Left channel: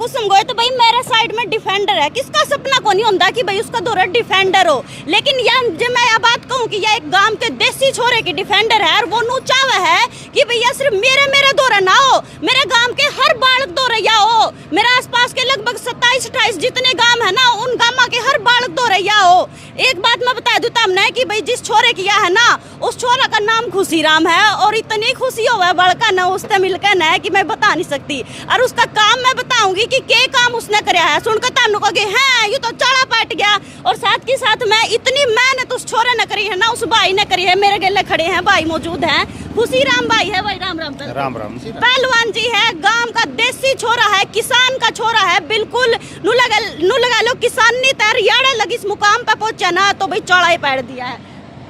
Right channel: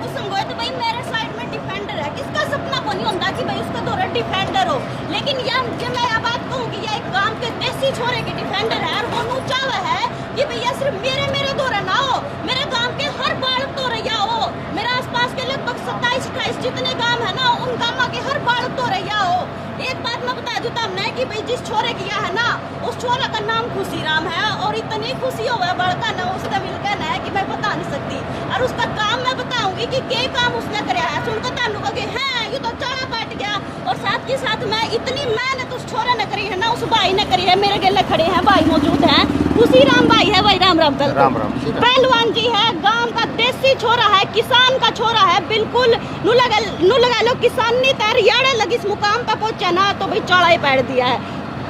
कुसुम गए तो भाई मेरे साइड में डिफेंडर है, किसका सपना को नहीं होता कि भाई उसका दौरा डिफेंडर हो। लेकिन यार जब मैं यह बात कहूँ कि यह एक गांव के देसी छोरे के डिफेंडर है और वो नूचावा है कि भैया सिर्फ मेरे दौरे ना हो, मेरे गांव के हर बालक दौरैया हो, मेरे आसपास के लगभग 27-28 जितने गांव है ना उन गांव के हर बालक दौरैया हो। एक बात मैं बता दूं तमने कि भाई जिस छोरे किया है ना उस छोरा का नाम खुशीराम है और इतनी खुशी हो है बड़का ना उससे मिलकर ना कि मैं बता नहीं सकती। और उसका काम मैं बताऊंगी कि के काम उसने कराया है, सुनकर तानू कहोगे हैं ये तो चाड़ा पाट गया। और साथ के साथ मैं इतनी मेहनत उस छोरे ने करी है ना उस भाई ने करी है। मेरे गले खड़े हैं भाई मौजूद हैं, खुशीराम भाई है भाई, राम राम राम राम पहलवान जी है, गांव का देसी छोरा है, किसान का छोरा है, बिल्कुल नु लगा लो किसान नहीं तैयार याड़ा लगी इस मुकाम पर पहुंचा ना तो भाई चौड़ा ही पैर दिया है।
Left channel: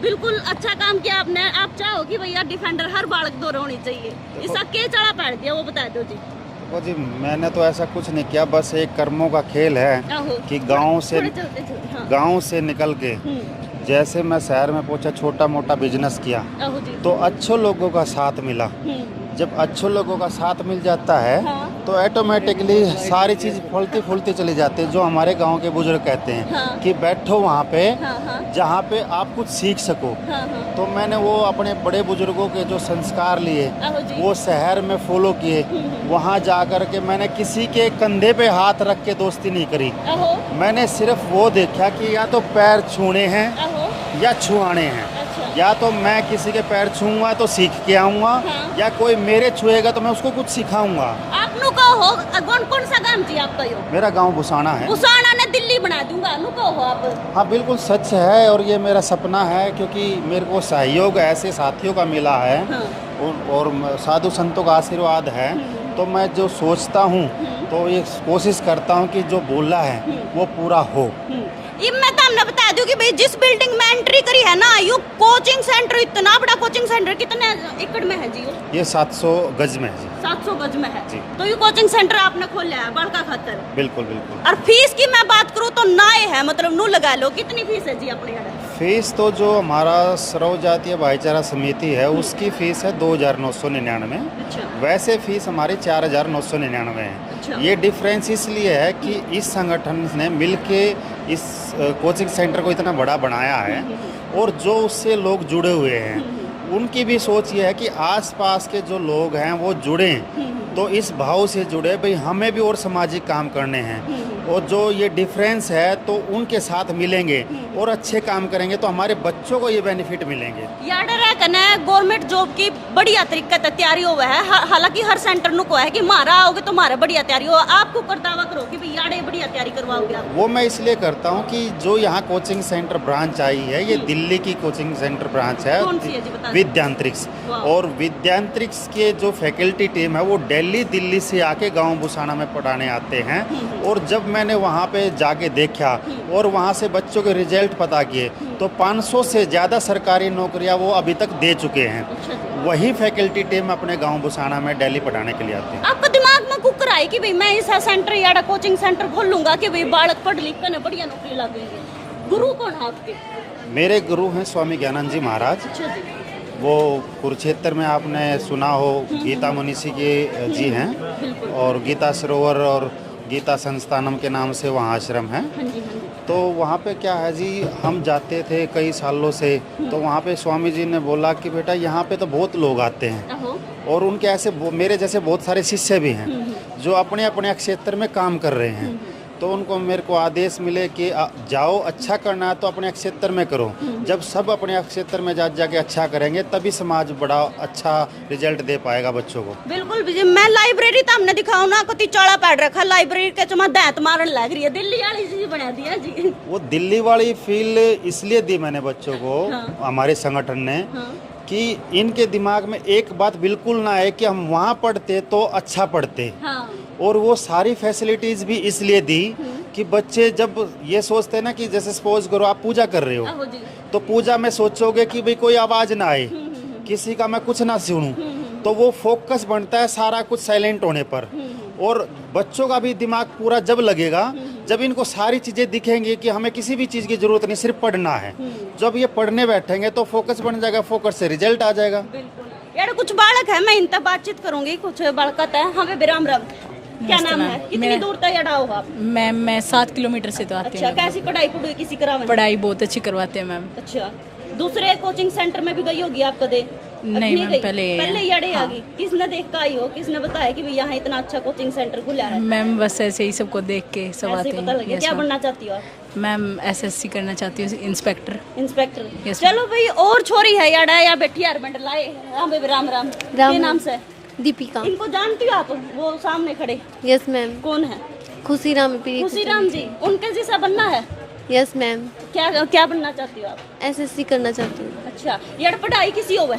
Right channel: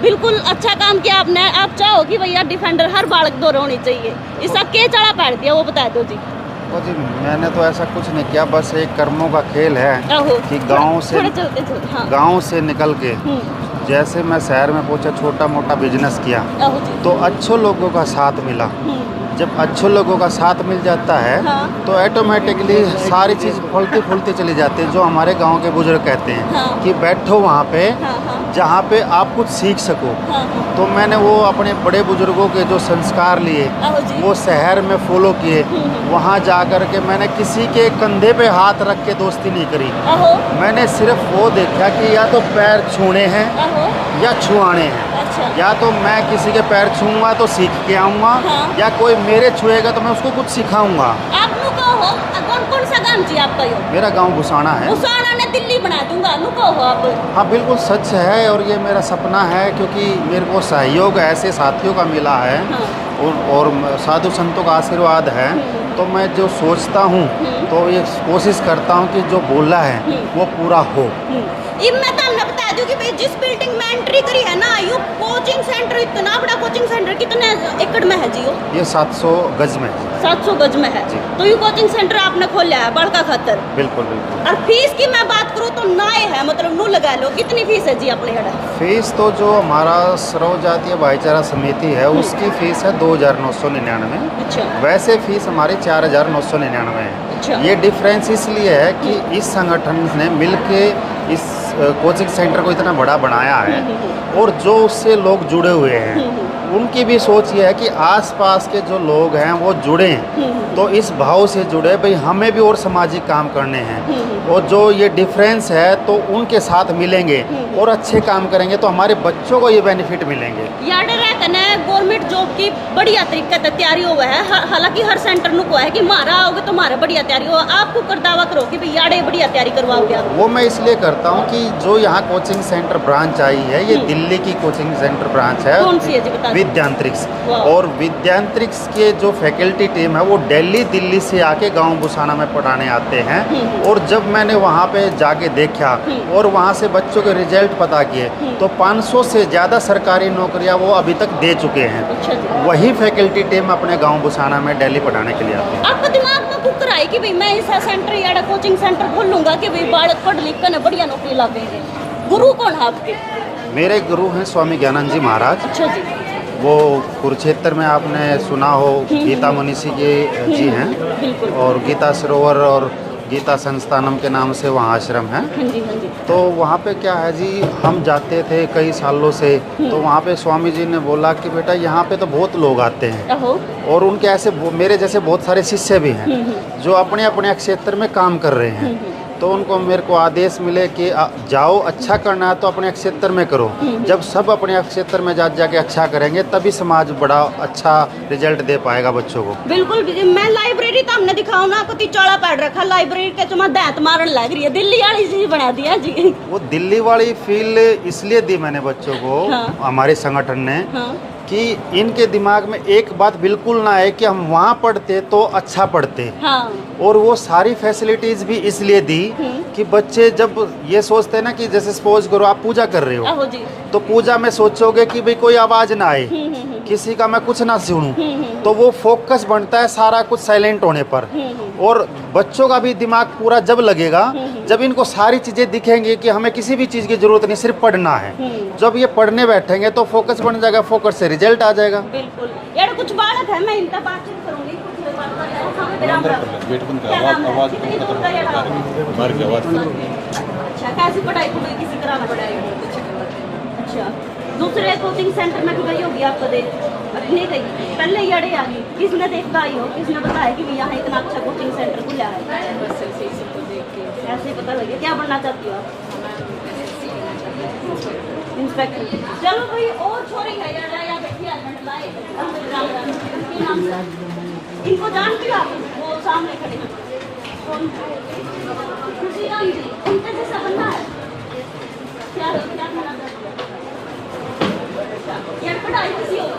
बिल्कुल अच्छा काम किया आपने। आप चाहो कि भैया डिफेंडर हर बालक दौरे होनी चाहिए, इसका क्या चढ़ा पैर दिया वो बता दो जी। ओ जी मैंने तो ऐसा कुछ नहीं किया, बस एक कर्मों का खेल है कि गांव से निकल के जैसे मैं शहर में पहुंचा, छोटा मोटा बिजनेस किया तो अच्छे लोगों का साथ मिला। जब अच्छे लोगों का साथ मिल जाता है तो ऑटोमेटिकली सारी चीज़ फलती फूलती चली जाती है। जो हमारे गांव के बुजुर्ग कहते हैं कि बैठो वहाँ पे जहाँ पे आप कुछ सीख सको। तो मैंने वो अपने बड़े बुजुर्गों के जो संस्कार लिए वो शहर में फॉलो किए। वहाँ जा कर के मैंने किसी के कंधे पे हाथ रख के दोस्ती नहीं करी, मैंने सिर्फ वो देखा कि या तो पैर छूने हैं या छुआने हैं। या तो मैं किसी के पैर छूऊंगा तो सीख के आऊँगा या कोई मेरे छुएगा तो मैं उसको कुछ सिखाऊंगा। आप कौन सा गाँव जी आपका? मेरा गाँव भुसाना है। भुसाना ने दिल्ली बना दूंगा आप। हाँ बिल्कुल सच है और ये मेरा सपना है क्योंकि मेरे को सहयोग ऐसे साथियों का मिला है और साधु संतों का आशीर्वाद है। तो मैं जो सोचता हूँ तो ये कोशिश करता हूँ कि जो बोला है वो पूरा हो। ये मैं तो बता दूं कि भाई जिस बिल्डिंग में एंट्री करी है ना यू कोचिंग सेंटर, इतना बड़ा कोचिंग सेंटर कितने एकड़ में है जी? ये 700 गज में है। 700 गज में है तो ये कोचिंग सेंटर आपने खोला है बड़का खतर? बिल्कुल बिल्कुल। और फीस की मैं बात करूँ तो नाए है, मतलब नू लगा लो, कितनी फीस है जी अपने यहाँ? फीस तो जो हमारा सर्व जातीय भाईचारा समिति है उसकी फीस है 2999। अच्छा। वैसे फीस हमारी 4999 है। अच्छा। ये डिफरेंस इसलिए है कि इस संगठन ने मिलके इस कोचिंग सेंटर को इतना बड़ा बनाया है और जो उससे लोग जुड़े हुए हैं उनकी भी सोच ये है कि आसपास के जो लोग हैं वो जुड़ें, तो इस भाव से जुड़े भाई हमें भी और सामाजिक काम करने हैं और जो ये डिफरेंस है तो उनके साथ मिलेंगे और अच्छे काम करेंगे तो हमारे बच्चों को ये बेनिफिट मिलेंगे। गवर्नमेंट जॉब की बढ़िया तरीके से तैयारी हुआ है, हालांकि हर सेंटर नु को है कि मारा आओगे तो मारा बढ़िया तैयारी हो, आपको कर दावा करो कि भाई याडे बढ़िया तैयारी करवाओगे। वो मैं इसलिए करता हूँ कि जो यहाँ कोचिंग सेंटर ब्रांच आई है ये दिल्ली की कोचिंग सेंटर ब्रांच है। कौन सी है जी बता? विद्यांतरिक्ष। और विद्यांतरिक्ष के जो फैकल्टी टीम है वो दिल्ली से आके गांव भुसाना में पढ़ाने आते हैं। और जब मैंने वहाँ पे जाके देखा और वहाँ से बच्चों के रिजल्ट पता किए तो 500 से ज़्यादा सरकारी नौकरियाँ वो अभी तक दे चुके हैं। अच्छा। वही फैकल्टी टीम अपने गांव भुसाना में दिल्ली पढ़ाने के लिए आते हैं। आपको दिमाग में बुक कराई कि भाई मैं ऐसा सेंटर या कोचिंग सेंटर खोलूंगा कि भाई बालक पढ़ लिख कर बढ़िया नौकरी लगेंगे? गुरु कौन है आपके? मेरे गुरु हैं स्वामी ज्ञानंद जी महाराज। अच्छा जी। वो कुरुक्षेत्र में आपने सुना हो गीता मनीषी के जी हैं और गीता सरोवर और गीता संस्थानम के नाम से वहाँ आश्रम है। तो वहाँ पे क्या है जी, हम जाते थे कई सालों से तो वहाँ पे स्वामी जी ने बोला कि बेटा यहाँ पे तो बहुत लोग आते हैं और उनके ऐसे मेरे जैसे बहुत सारे शिष्य भी हैं जो अपने अपने क्षेत्र में काम कर रहे हैं। तो उनको मेरे को आदेश मिले कि जाओ अच्छा करना है तो अपने क्षेत्र में करो। जब सब अपने क्षेत्र में जाके अच्छा करेंगे तभी समाज बड़ा अच्छा रिजल्ट दे पाएगा बच्चों को। बिल्कुल। मैं लाइब्रेरी तो हमने दिखाओ ना पति चौड़ा पैड रखा, लाइब्रेरी के चुमा दांत मारन लग रही है, दिल्ली वाली चीज बना दिया जी। वो दिल्ली वाली फील इसलिए दी मैंने बच्चों को हमारे संगठन ने कि इनके दिमाग में एक बात बिल्कुल ना है कि हम वहाँ पढ़ते तो अच्छा पढ़ते। और वो सारी फैसिलिटीज भी इसलिए दी कि बच्चे जब ये सोचते हैं ना कि जैसे सपोज करो आप पूजा कर रहे हो तो पूजा में सोचोगे कि भाई कोई आवाज ना आए, किसी का मैं कुछ ना सुनूं, तो वो फोकस बनता है सारा कुछ साइलेंट होने पर। और बच्चों का भी दिमाग पूरा जब लगेगा जब इनको सारी चीज़ें दिखेंगी कि हमें किसी भी चीज़ की ज़रूरत नहीं, सिर्फ पढ़ना है, जब ये पढ़ने बैठेंगे तो फोकस बन जाएगा, फोकस से रिजल्ट आ जाएगा। बिल्कुल। यार कुछ बालक है, मैं इनसे बातचीत करूंगी, कुछ बालक है, हमें विराम रख। क्या नाम है, कितनी दूर का ये डाल है? मैं 7 किलोमीटर से जाती अच्छा, कैसी पढ़ाई किसी करा? हूँ। पढ़ाई बहुत अच्छी करवाते हैं मैम। अच्छा, दूसरे कोचिंग सेंटर में भी गई होगी आपको देख? नहीं, नहीं गई, पहले ही अड़े आ गई। किसने देख आई हो, किसने बताया कि यहाँ इतना अच्छा कोचिंग सेंटर खुला है? मैम बस ऐसे ही सबको देख के सब ऐसे आते पता लगे। हैं। क्या बनना चाहती हो आप? मैम एसएससी करना चाहती हूँ, इंस्पेक्टर। इंस्पेक्टर। Yes, चलो भाई, और छोरी है यार, या बेटी यार बंड लाए। राम राम राम। राम। ये नाम से दीपिका। इनको जानती हो आप? वो सामने खड़े हैं, यस मैम। कौन है? खुशी राम पी। खुशी राम जी। उनके जैसा बनना है? Yes ma'am. क्या क्या बनना चाहती हो आप? एसएससी करना चाहती हूँ। अच्छा, यार पढ़ाई किसी हो है?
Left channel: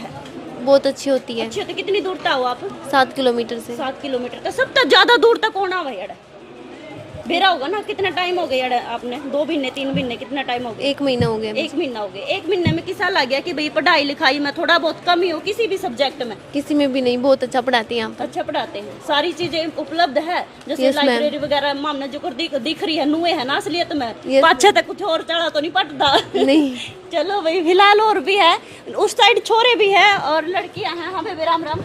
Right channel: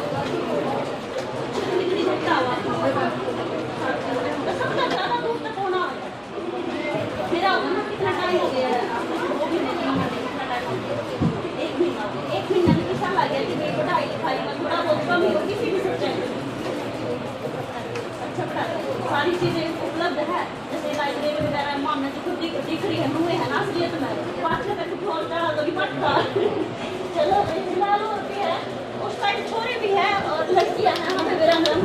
बहुत अच्छी होती है। अच्छा, तो कितनी दूर तक हो आप? 7 किलोमीटर से। 7 किलोमीटर तो सबसे ज्यादा दूर तक कौन आवा यार? मेरा होगा ना। कितना टाइम हो गया यार आपने? 2 महीने 3 महीने कितना टाइम हो गया? 1 महीना हो गया। 1 महीना हो गया। 1 महीने में किसा लग गया कि भाई पढ़ाई लिखाई में थोड़ा बहुत कमी हो किसी भी सब्जेक्ट में? किसी में भी नहीं, बहुत अच्छा पढ़ाते हैं आप। अच्छा पढ़ाते हैं, सारी चीजें उपलब्ध है, जैसे Yes, ma'am. लाइब्रेरी वगैरह मामला जो दिख रही है, नुए है ना असलियत में? Yes. पाछे तक कुछ और चढ़ा तो नहीं पड़ता? नहीं। चलो भाई, फिलहाल और भी है, उस साइड छोरे भी है और लड़कियां हैं। हमें विराम राम।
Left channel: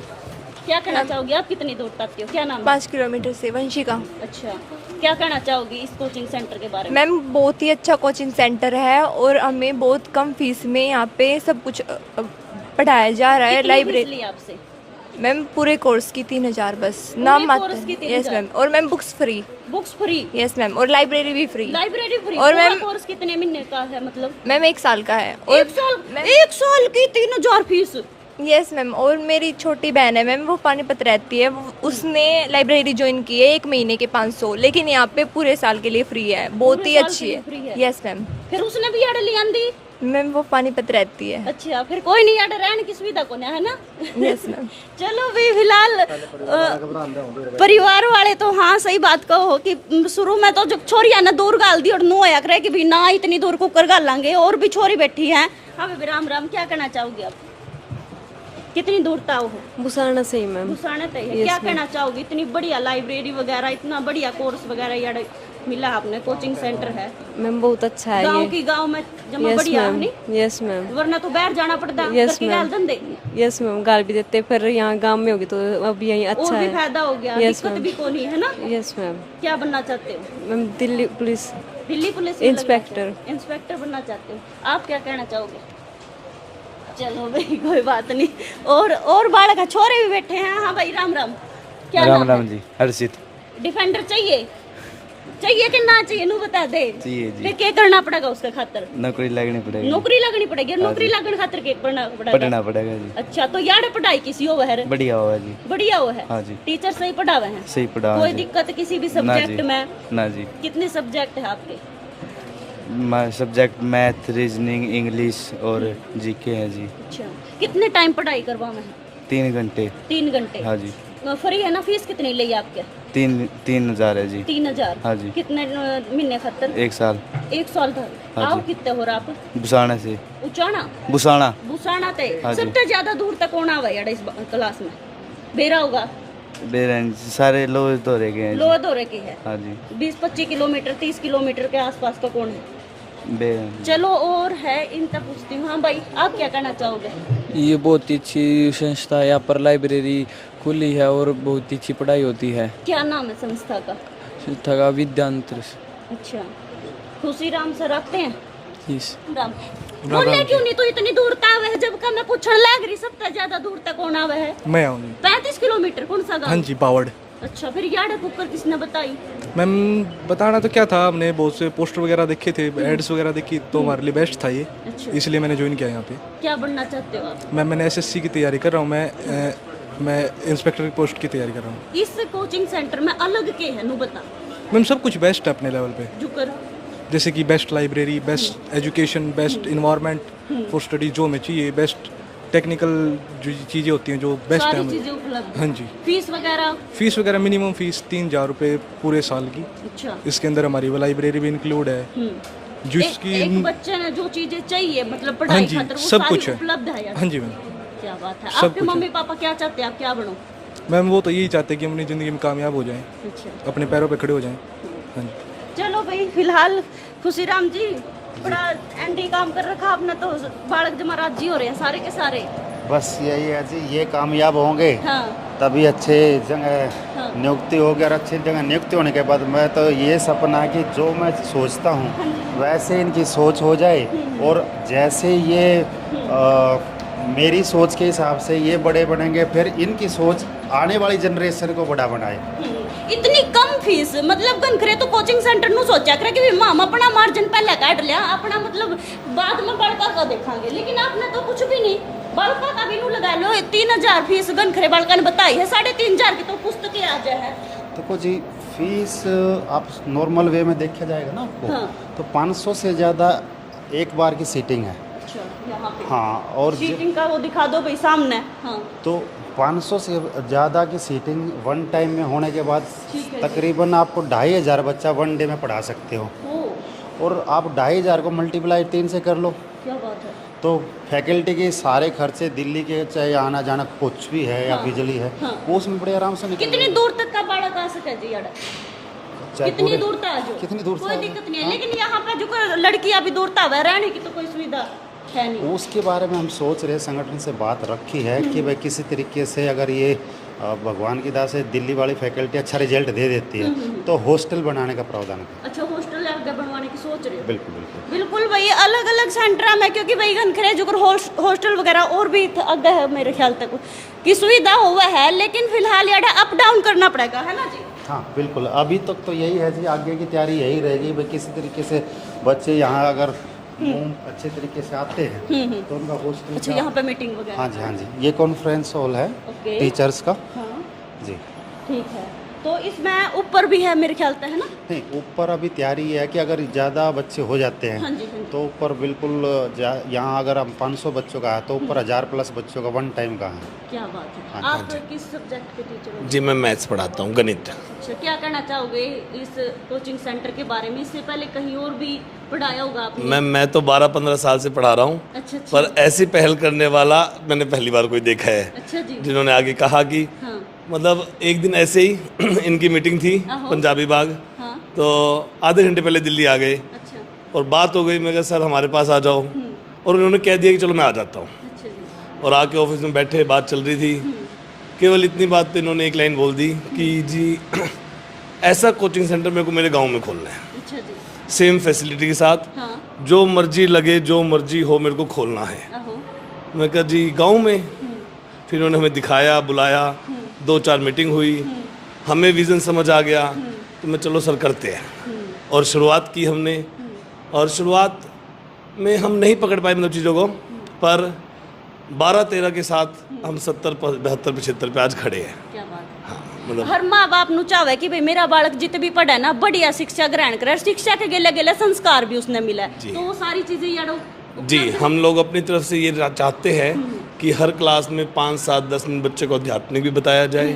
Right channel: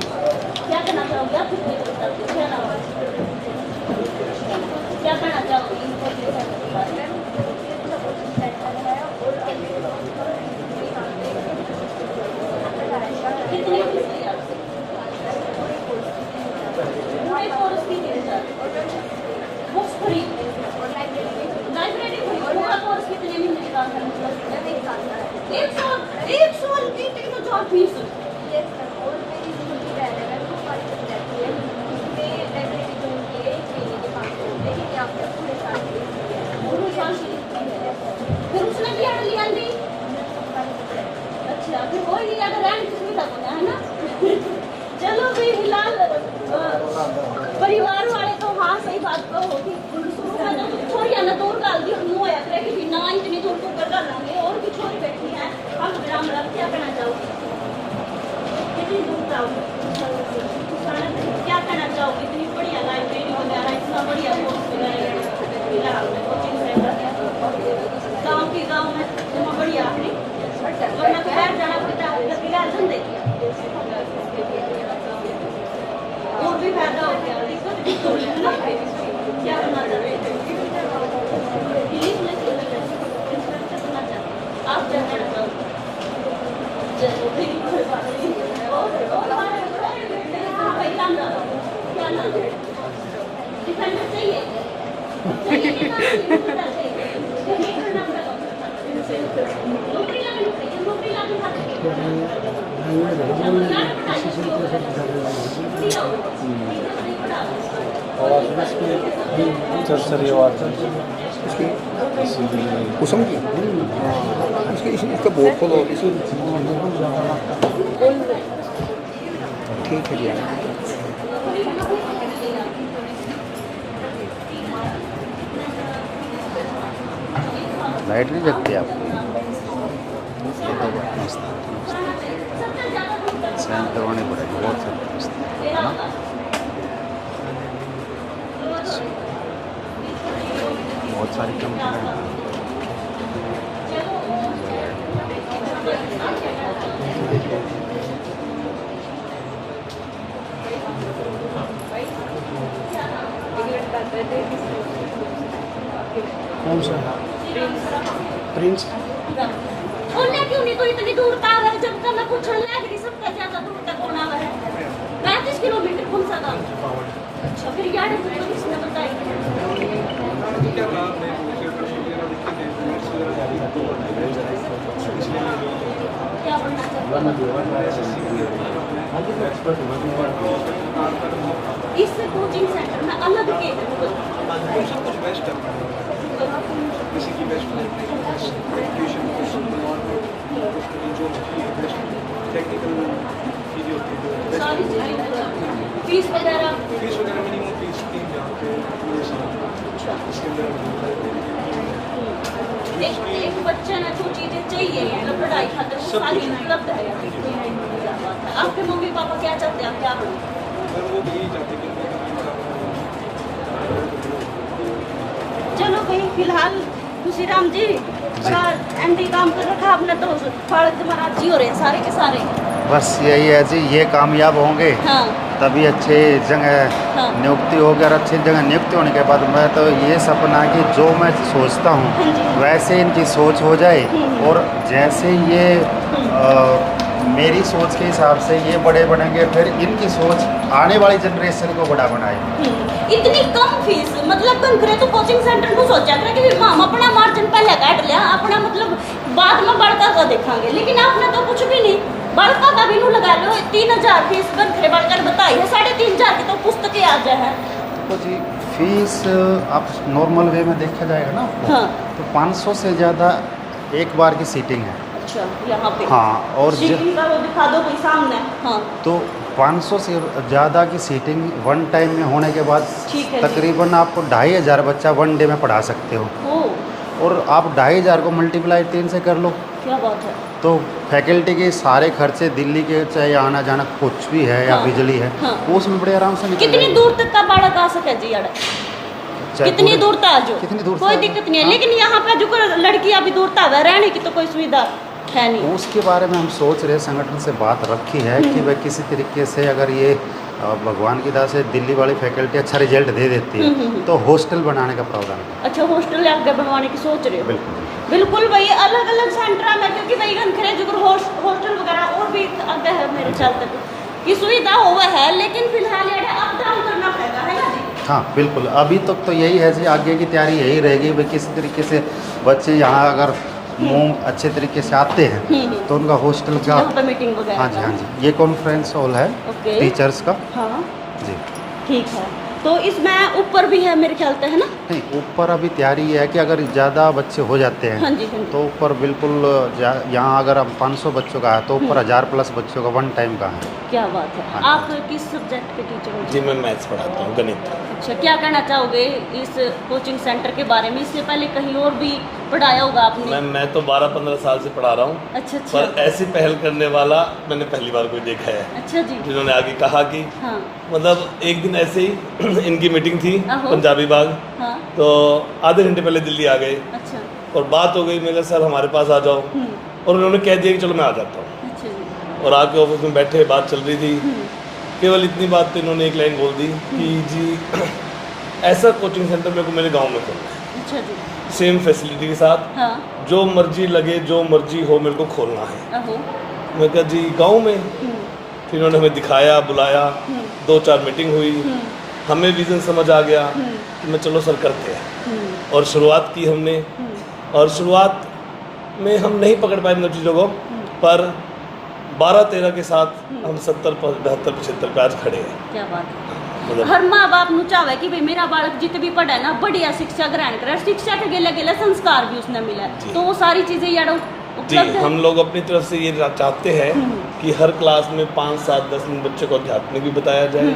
क्या कहना चाहोगी आप? कितनी दूर तक हो? क्या नाम? 5 किलोमीटर से वंशिका। अच्छा, क्या कहना चाहोगी इस कोचिंग सेंटर के बारे में? मैम बहुत ही अच्छा कोचिंग सेंटर है और हमें बहुत कम फीस में यहाँ पे सब कुछ पढ़ाया जा रहा है। कितनी लाइब्रेरी फीस ली आपसे? मैम पूरे कोर्स की 3000 बस पूरे नाम कोर्स की 3000? Yes ma'am. और ma'am books free. Books free? Yes ma'am. और लाइब्रेरी भी फ्री। Library free? और पूरा मैम कोर्स कितने महीने का है मतलब? मैम 1 साल का है। एक साल की 3000 फीस? Yes ma'am. और मेरी छोटी बहन है मैम, वो पानीपत रहती है, उसने लाइब्रेरी ज्वाइन की है 1 महीने के 500, लेकिन यहाँ पे पूरे साल के लिए फ्री है। बहुत ही अच्छी है। Yes ma'am. फिर उसने भी यार लिया दी? मैम वो पानीपत रहती है। अच्छा, फिर कोई नहीं यार, रहने की सुविधा को है ना? चलो भाई, फिलहाल परिवार वाले तो हाँ सही बात कहो कि शुरू में तो जब छोरिया ने दूर गाल दी और नो आया करे कि भी ना इतनी दूर को कर गालेंगे। और भी छोरी बैठी हैं। हम राम राम, क्या कहना चाहोगी? कितनी दूर तक आओगे? बुसाना से ही मैम। क्या कहना चाहोगी? इतनी बढ़िया लाइब्रेरी वगैरह, इतना बढ़िया कोर्स वगैरह यार मिला आपने, कोचिंग सेंटर है मैम बहुत अच्छा है गाँव की गाँव में तो यस बढ़िया मैम। है। Yes ma'am. वरना तो बाहर जाना पड़ता है। Yes, कभी ma'am. गाल दंदे? यस मैम, गाल भी देते, फिर यहाँ गांव में होगी तो अब यही अच्छा और भी है। फायदा हो गया। Yes, दिक्कत ma'am. भी तो नहीं है ना? Yes ma'am. क्या बनना चाहते हैं? Ma'am Delhi police Delhi police inspector. Inspector बनना चाहते हैं। आप क्या कहना चाहोगे? चलो भाई, कोई बात नहीं। और बालक छोरे भी बैठे हैं। हाँ भाई, राम राम। क्या राम नाम राम है? जी, हर्षित। डिफेंडर चाहिए? चाहिए कि ना चाहिए? ना बता दे। फिर क्या करना पड़ेगा उसके खातिर? नौकरी लगनी पड़ेगी, नौकरी लगनी पड़ेगी। नौकरी लगने खातिर क्या करना पड़ेगा? पढ़ना पड़ेगा। अच्छा, तो यार पढ़ाई किसी हो है? बढ़िया हो, बढ़िया हो हाँ जी। टीचर सही पढ़ावे है? सही पढ़ा। कोई दिक्कत किसी भी सब्जेक्ट में? ना। कितने सब्जेक्ट हैं आपके? सब्जेक्ट मैथ, रीजनिंग, इंग्लिश और जीके। कितने टाइम पढ़ाई करवाओ? 3 घंटे। 3 घंटे? हाँ जी। तो फ्री है ना? फीस कितनी ली आपके? 3,000 है जी। 3000? हाँ जी। कितने महीने खर्च? 1 साल। 1 साल का? लाइट नहीं आप लगती कितने हो रहा? बुसाने से। उचाना? बुसाना। उचाना ते हाँ जी। सबसे ज्यादा दूर तक कौन आवा यार इस क्लास में? मेरा होगा दे रहे हैं सारे लोग तो रह गए हैं। लोअर तो रह गई। हाँ जी। 20-25 किलोमीटर 30 किलोमीटर के आसपास का कौन है? ले चलो, और है इन तक। हाँ भाई, आप क्या कहना चाहोगे? ये बहुत ही अच्छी संस्था है। यहाँ पर लाइब्रेरी खुली है और बहुत ही अच्छी पढ़ाई होती है। क्या नाम है संस्था का? ठगा विद्यांत। खुशी राम सर रखते हैं? प्रिंस। बोले क्यों नहीं? तो इतनी दूर तक आवे है, जब का मैं पूछने लग रही सबसे ज्यादा दूर तक कौन आवे है? मैं हूँ। 35 किलोमीटर कौन सा गाँव? हाँ जी, पावर्ड। अच्छा, फिर यार आपको किसने बताई? मैम बताना तो क्या था, हमने बहुत से पोस्टर वगैरह देखे थे, एड्स वगैरह देखी, तो हमारे लिए बेस्ट था ये, इसलिए मैंने ज्वाइन किया यहाँ पे। क्या बनना चाहते हो? मैंने एसएससी की तैयारी कर रहा हूँ। मैं इंस्पेक्टर की पोस्ट की तैयारी कर रहा हूँ। इससे कोचिंग सेंटर में अलग के है वो बता। मैम सब कुछ बेस्ट है अपने लेवल पे, जैसे कि best library, best education, best environment for study, जो हमें चाहिए, बेस्ट टेक्निकल जो चीज़ें होती हैं जो बेस्ट सारी है। चीजें उपलब्ध। हाँ जी। फीस वगैरह? मिनिमम फीस 3,000 रुपये पूरे साल की। अच्छा। इसके अंदर हमारी वो लाइब्रेरी भी इंक्लूड है, जिसकी एक बच्चे ने जो चीजें चाहिए मतलब हाँ पढ़ाई जी, खातिर वो सब सारी कुछ है। उपलब्ध है। हाँ जी मैम। क्या बात है। सब आपके कुछ। मम्मी पापा क्या चाहते हैं आप क्या बनो? मैम वो तो यही चाहते हैं कि अपनी ज़िंदगी में कामयाब हो जाए, अपने पैरों पे खड़े हो जाएं। चलो भाई फिलहाल खुशी राम जी एमडी काम कर रखा आपने तो बालक जमारात जी हो रहे हैं सारे के सारे। बस यही है जी, ये कामयाब होंगे हाँ तभी अच्छे जगह हाँ नियुक्ति होगी, और अच्छी जगह नियुक्ति होने के बाद मैं तो ये सपना है कि जो मैं सोचता हूँ वैसे इनकी सोच हो जाए, और जैसे ये मेरी सोच के हिसाब से ये बड़े बनेंगे, फिर इनकी सोच आने वाली जनरेशन को बड़ा बनाए। इतनी कम फीस मतलब करे तो कोचिंग सेंटर नु सोचा करे कि हम अपना मार्जिन पहले काट लिया अपना, मतलब बाद में बड़का का देखेंगे, लेकिन आपने तो कुछ भी नहीं बड़का का भी नु लगा लो। 3000 फीस गनखरे बड़का ने बताई है, 3500 की तो पुस्तकें आ जाए है। देखो जी, फीस आप नॉर्मल वे में देखा जाएगा ना आपको, हाँ। तो 500 से ज़्यादा एक बार की सीटिंग है। अच्छा यहाँ पे हाँ, और सीटिंग का वो दिखा दो भाई सामने। हाँ तो 500 से ज़्यादा की सीटिंग वन टाइम में होने के बाद ठीक है तकरीबन आपको 2500 बच्चा वन डे में पढ़ा सकते हो, ओ और आप 2500 को मल्टीप्लाई 3 से कर लो, क्या बात है। तो फैकल्टी के सारे खर्चे दिल्ली के चाहे आना जाना कुछ भी है या हाँ। बिजली है, हाँ। वो उसमें बड़े आराम से निकल कितनी जाएगी। दूर तक का बालक आ सके जी यार, चाहे कितनी पूरे- दूर तक आ जाओ, कितनी दूर से कोई आ जाओ। दिक्कत नहीं है। हाँ। लेकिन यहाँ पे जो लड़कियां अभी दूर तक रहने की तो कोई सुविधा है नहीं। उसके बारे में हम सोच रहे, संगठन से बात रखी है कि भाई किसी तरीके से अगर ये भगवान की दया से दिल्ली वाली फैकल्टी अच्छा रिजल्ट दे देती है तो हॉस्टल बनाने का प्रावधान है। अच्छा हॉस्टल आगे बनवाने की सोच रहे हो। बिल्कुल बिल्कुल। बिल्कुल भाई अलग अलग सेंटर में, क्योंकि भाई खरेज हॉस्टल वगैरह और भी आगे है मेरे ख्याल तक की सुविधा हुआ है, लेकिन फिलहाल यार अप डाउन करना पड़ेगा है ना जी। हाँ बिल्कुल, अभी तक तो यही है जी, आगे की तैयारी यही रहेगी भाई किसी तरीके से बच्चे यहाँ अगर मुँह अच्छे तरीके से आते हैं तो उनका हॉस्टल का, यहाँ पे मीटिंग वगैरह। हाँ जी हाँ जी, ये कॉन्फ्रेंस हॉल है ओके। टीचर्स का हाँ जी। ठीक है, तो इसमें ऊपर भी है मेरे ख्याल से है ना। नहीं, ऊपर अभी तैयारी है कि अगर ज़्यादा बच्चे हो जाते हाँ हैं जी हाँ जी। तो ऊपर बिल्कुल यहाँ अगर हम 500 बच्चों का है तो ऊपर 1000 प्लस बच्चों का वन टाइम का है। क्या बात है। हाँ, आप किस सब्जेक्ट के टीचर हो जी मैं मैथ्स पढ़ाता हूँ, गणित। अच्छा, क्या कहना चाहोगे इस कोचिंग सेंटर के बारे में? इससे पहले कहीं और भी पढ़ाया होगा आपने? मैं तो 12-15 साल से पढ़ा रहा हूँ, अच्छा अच्छा। पर ऐसी पहल करने वाला मैंने पहली बार कोई देखा है, अच्छा जी। जिन्होंने आगे कहा कि हाँ मतलब एक दिन ऐसे ही इनकी मीटिंग थी आहो। पंजाबी बाग, हाँ तो आधे घंटे पहले दिल्ली आ गए अच्छा और बात हो गई। मैं कहा सर हमारे पास आ जाओ, और उन्होंने कह दिया कि चलो मैं आ जाता हूँ, अच्छा जी। और आके ऑफिस में बैठे बात चल रही थी। केवल इतनी बात पे इन्होंने एक लाइन बोल दी कि जी ऐसा कोचिंग सेंटर मेरे को मेरे गांव में खोलना है, अच्छा जी। सेम फैसिलिटी के साथ, हाँ जो मर्जी लगे जो मर्जी हो मेरे को खोलना है। आहो। मैं कहा जी गांव में। फिर उन्होंने हमें दिखाया, बुलाया, 2-4 मीटिंग हुई, हमें विज़न समझ आ गया कि मैं चलो सर करते हैं, और शुरुआत की हमने। और शुरुआत में हम नहीं पकड़ पाए इन चीज़ों को, पर 12-13 के साथ हम 70-72-75 पे आज खड़े हैं। क्या बात है। मतलब हर माँ बाप नु चाहे कि भाई मेरा बालक जितने भी पढ़े ना बढ़िया शिक्षा ग्रहण करे, शिक्षा के गेले गेले संस्कार भी उसने मिले, तो वो सारी चीजें यार जी हम लोग अपनी तरफ से ये चाहते हैं कि हर क्लास में 5-7-10 बच्चे को आध्यात्मिक भी बताया जाए,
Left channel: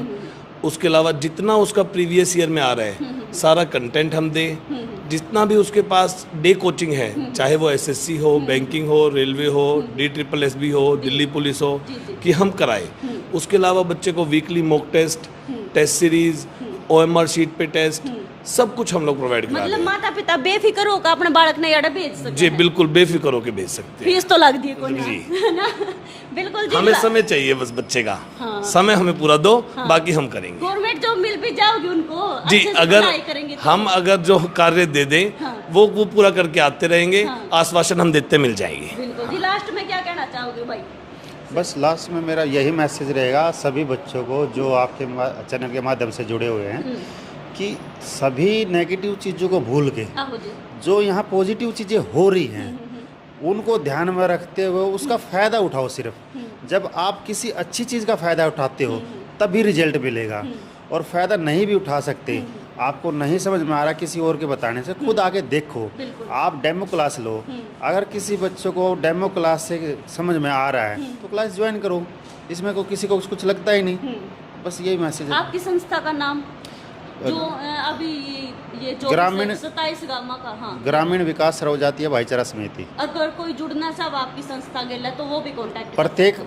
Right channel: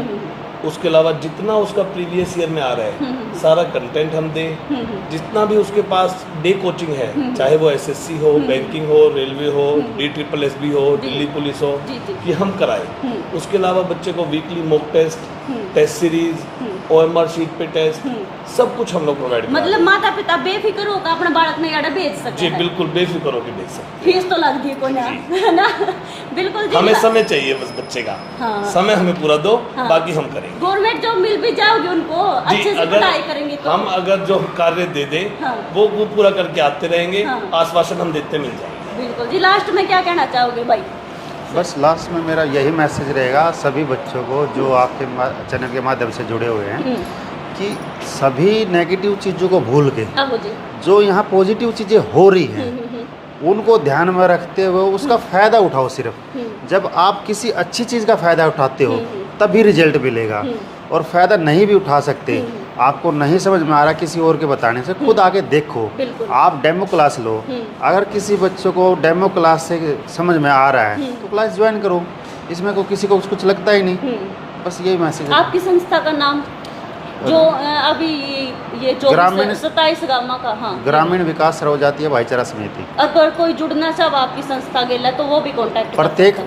उसके अलावा जितना उसका प्रीवियस ईयर में आ रहा है सारा कंटेंट हम दें, जितना भी उसके पास डे कोचिंग है, चाहे वो एसएससी हो, बैंकिंग हो, रेलवे हो, DSSB हो, दिल्ली पुलिस हो, कि हम कराएं। उसके अलावा बच्चे को weekly mock test, test series, OMR sheet पे टेस्ट, सब कुछ हम लोग प्रोवाइड करते हैं। मतलब माता पिता बेफिक्र होकर अपने बालक ने यार भेज सकते जी हैं। बिल्कुल बेफिक्र होकर भेज सकते फीस तो लगती है कोई ना, है ना। बिल्कुल जी। हैं। हमें समय चाहिए बस बच्चे का, हाँ। समय हमें पूरा दो, हाँ। बाकी हम करेंगे। गवर्नमेंट जॉब मिल भी जाओगे उनको, जी अच्छे से अगर पढ़ाई करेंगे तो। हम अगर जो कार्य दे दें हाँ। वो पूरा करके आते रहेंगे, हाँ। आश्वासन हम देते मिल जाएंगे। बिल्कुल जी। लास्ट में क्या कहना चाहोगे भाई? बस लास्ट में मेरा यही मैसेज रहेगा सभी बच्चों को जो आपके चैनल के माध्यम से जुड़े हुए हैं, कि सभी नेगेटिव चीज़ों को भूल के आहो जी। जो यहाँ पॉजिटिव चीज़ें हो रही हैं उनको ध्यान में रखते हुए उसका फ़ायदा उठाओ। सिर्फ जब आप किसी अच्छी चीज़ का फ़ायदा उठाते हो तभी रिजल्ट मिलेगा, और फ़ायदा नहीं भी उठा सकते, आपको नहीं समझ में आ रहा किसी और के बताने से, खुद आके देखो। बिल्कुल। आप डेमो क्लास लो, अगर किसी बच्चों को डेमो क्लास से समझ में आ रहा है तो क्लास ज्वाइन करो, इसमें को किसी को कुछ लगता ही नहीं। बस यही मैसेज है। आपकी संस्था का नाम? जो अभी ये जो ग्रामीण 27 गाँव का, हाँ, ग्रामीण विकास सर्व जातीय भाईचारा समिति। अगर कोई जुड़ना चाहे आपकी संस्था के लिए तो वो भी कांटेक्ट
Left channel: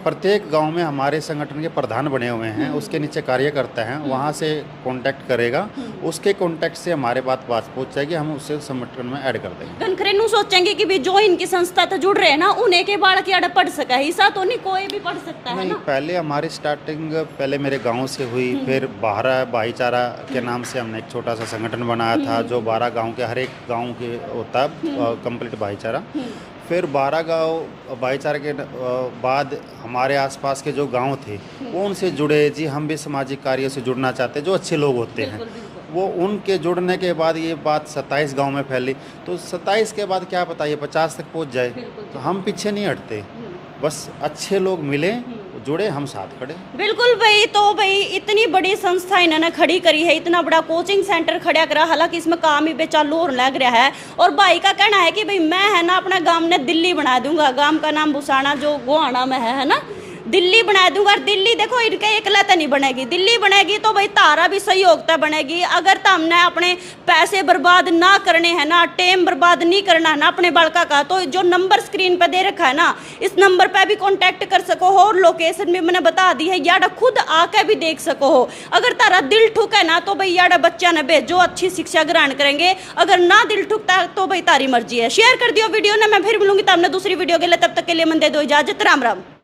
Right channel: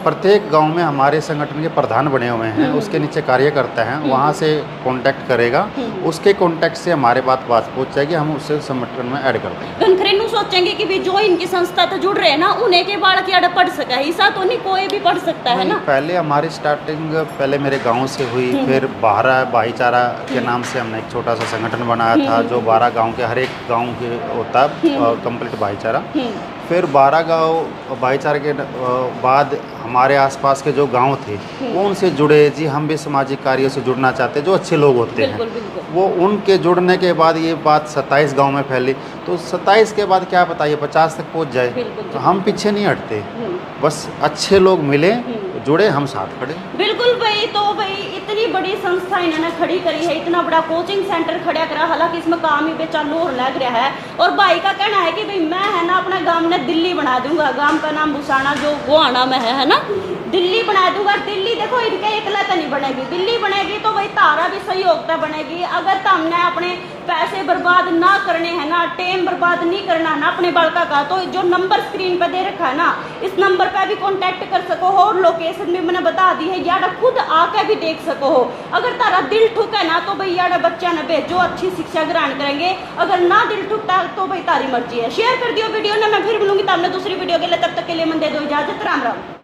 प्रत्येक गांव में हमारे संगठन के प्रधान बने हुए हैं, उसके नीचे कार्यकर्ता हैं, वहां से कांटेक्ट करेगा, उसके कांटेक्ट से हमारे बात पहुंच जाएगी, हम उससे संगठन में ऐड कर देंगे। घनखरेनु सोचेंगे कि भी जो इनकी संस्था तो जुड़ रहे हैं ना, उन्हें के बाढ़ के पढ़ सका हिस्सा तो नहीं, कोई भी पढ़ सकता है ना। पहले हमारी स्टार्टिंग पहले मेरे गांव से हुई, फिर बाहरा भाईचारा के नाम से हमने एक छोटा सा संगठन बनाया था, जो 12 गांव के हर एक गांव के होता कंप्लीट भाईचारा। फिर 12 गांव भाईचारे के बाद हमारे आसपास के जो गांव थे वो उनसे जुड़े, जी हम भी सामाजिक कार्यों से जुड़ना चाहते हैं, जो अच्छे लोग होते हैं, वो उनके जुड़ने के बाद ये बात 27 गांव में फैली। तो 27 के बाद क्या पता ये 50 तक पहुंच जाए, तो हम पीछे नहीं हटते, बस अच्छे लोग मिले, जुड़े, हम साथ खड़े। बिल्कुल भाई, तो भाई इतनी बड़ी संस्था इन्होंने खड़ी करी है, इतना बड़ा कोचिंग सेंटर खड़ा करा, हालांकि इसमें काम ही बेचालू और लग रहा है। और भाई का कहना है कि भाई मैं है ना अपना गांव ने दिल्ली बना दूंगा, गांव का नाम भुसाना जो गोहाना में है ना, दिल्ली बना दूंगा। दिल्ली देखो इनके एकलता नहीं बनेगी, दिल्ली बनेगी तो भाई तारा भी सहयोगता बनेगी। अगर तो हमने अपने पैसे बर्बाद ना करने हैं ना, टाइम बर्बाद नहीं करना है ना अपने बालका का, तो जो नंबर स्क्रीन पे दे रखा है ना, इस नंबर पे भी कांटेक्ट कर सको हो, और लोकेशन भी मैंने बता दी है, याडा खुद आके भी देख सको हो। अगर तारा दिल ठुक है ना तो भाई याडा बच्चा ने भेजो, अच्छी शिक्षा ग्रहण करेंगे। अगर ना दिल ठुकता तो भाई तारी मर्जी है। शेयर कर दियो वीडियो ना, मैं फिर मिलूंगी तो हमने दूसरी वीडियो के लिए, तब तक के लिए मन दे दो इजाजत, राम राम।